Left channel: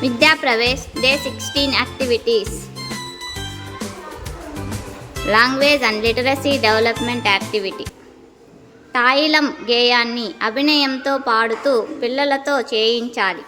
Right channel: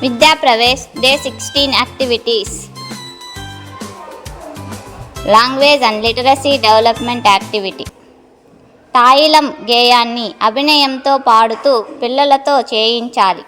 విద్యా Pravesh day 16 activities. Language and literacy development activity. తాయిలం గేయాన్ని అభినయంతో పాడుతూ పిల్లలతో చేయించాలి.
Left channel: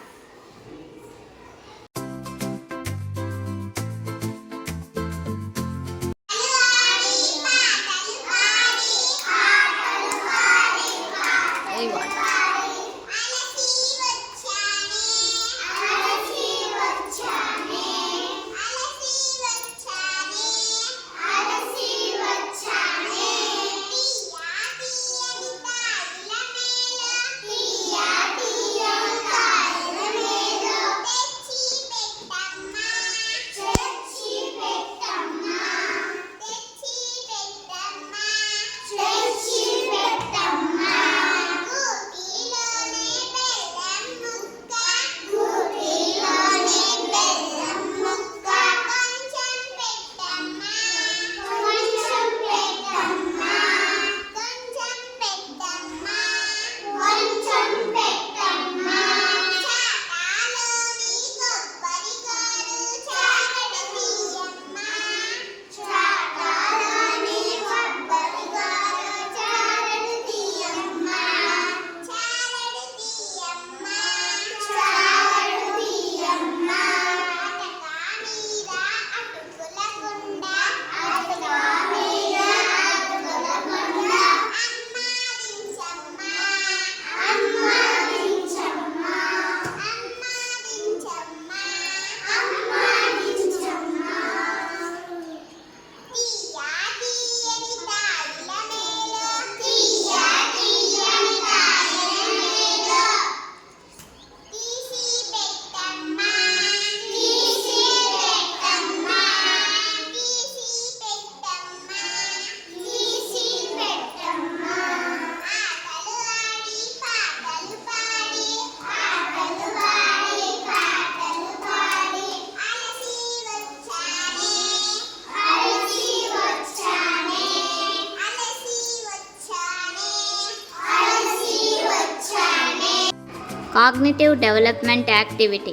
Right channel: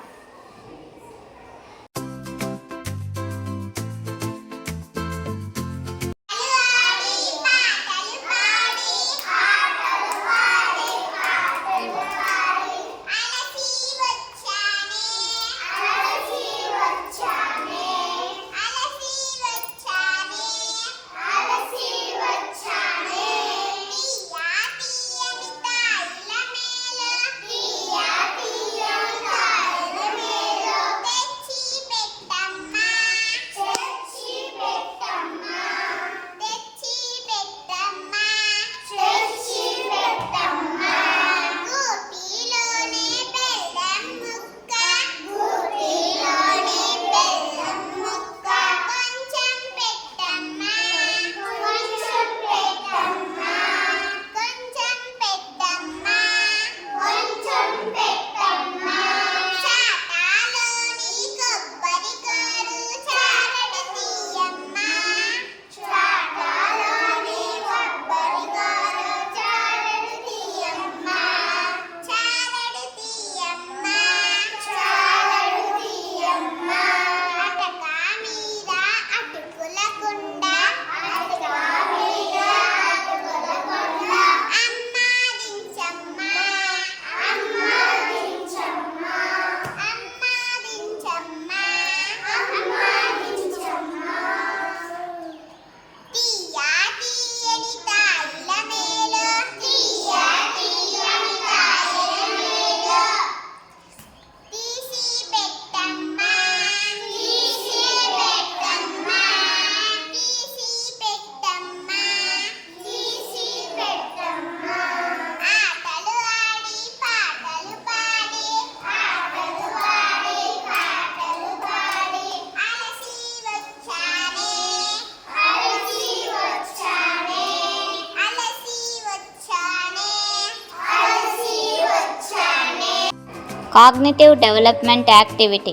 Cognitive development activity.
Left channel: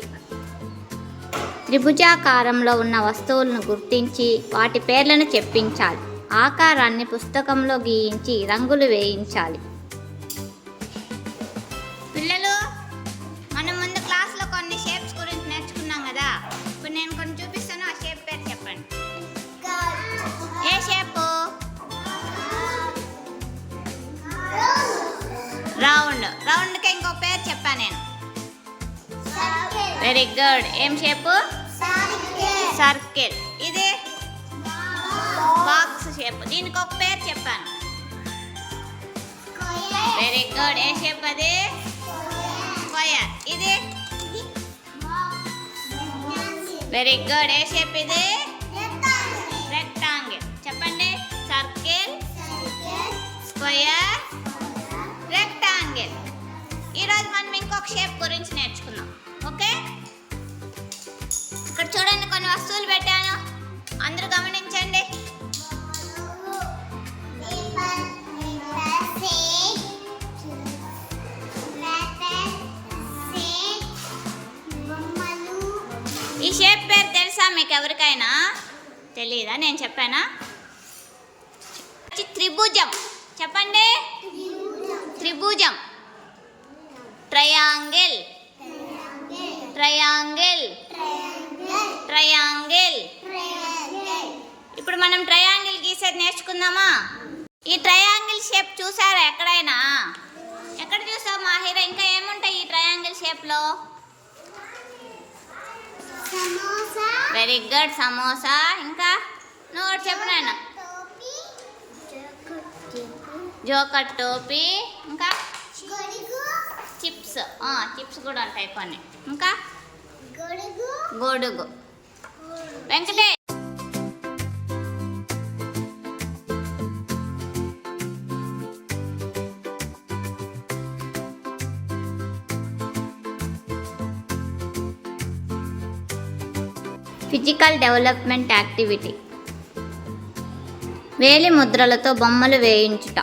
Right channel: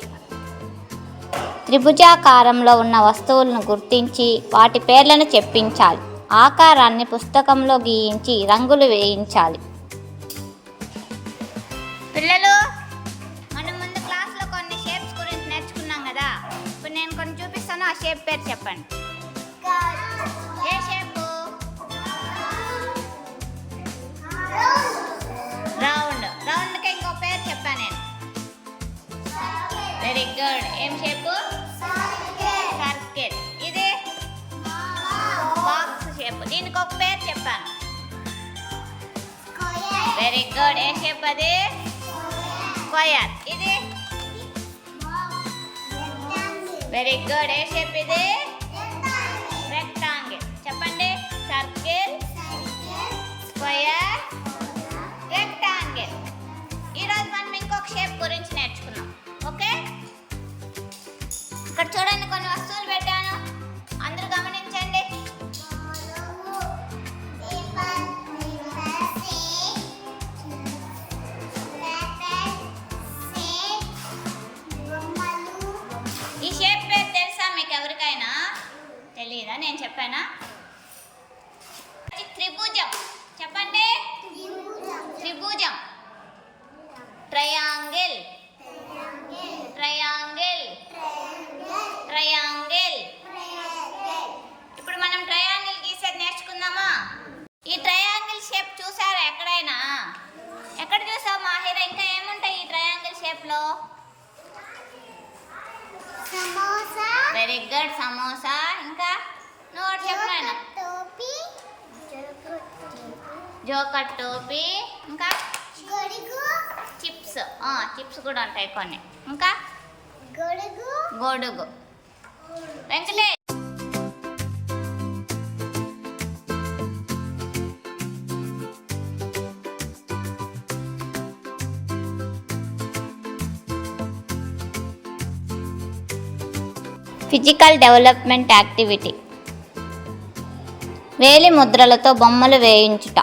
త్రిభుజాకారంలో ఉన్న వస్తువులను గుర్తించి వాటి పేర్లను చెప్పించాలి. ఆకారాన్ని పుస్తకంలో గీయించి రంగులు వేయించాలి. పిల్లలు, మనం ముందు క్లాస్లో కొన్ని షేప్స్ గురించి నేర్చుకున్నాం కదా. ఇప్పుడు నేను కొన్ని చూపిస్తాను, ఆ షేప్ పేరు చెప్పండి. ఏ షేపు? రౌండ్. రౌండ్కి ఇంకో పేరు చెప్పాను నేను. Very good. ఏం షేపు? సర్కిల్. ఇది బాక్స్ షేప్. దీనికి ఒక పేరు చెప్పాను. Very good. ఏ షేప్ అది? స్క్వేర్. ఇది వెరీ గుడ్. ఏ షేప్ ఇది? రెక్టాంగిల్. చెప్పండి. Circle, square, rectangle. ఈరోజు మనం ఇంకొక షేప్ గురించి నేర్చుకున్నాం. ఓకే, ఇక్కడ చూడండి, కొన్ని వస్తువులు పెట్టాను, అందరూ గమనించండి. ఈ షేప్ పేరు తెలుసా మీకు ఎవరికైనా? తెలీదా? నేను చెప్పానా? త్రిభుజం. చెప్పండి. త్రిభుజం. Triangle, triangle, triangle. ఇప్పుడు మనం ట్రయాంగిల్ గీసేది నేర్చుకుందామా? ఈ ట్రయాంగిల్ షేప్ చూసారా ఎక్కడైనా? ఎక్కడ చూసావు మాహిరా? ఇంకా ఏముంటాయి ఈ ట్రయాంగిల్ షేప్లో? సమోసా. Very good. సమోసా. ఇంకా నోట్ చెప్పినాయన. జోకర్ టోపీ. ఇంకా చిప్స్. చిప్స్ కూడా ఉంటాయి కొన్ని. ఇంకా గొడుగు. వెంకటే. Physical development activity. వేలి ముద్రలతో బొమ్మలు వేయించుట.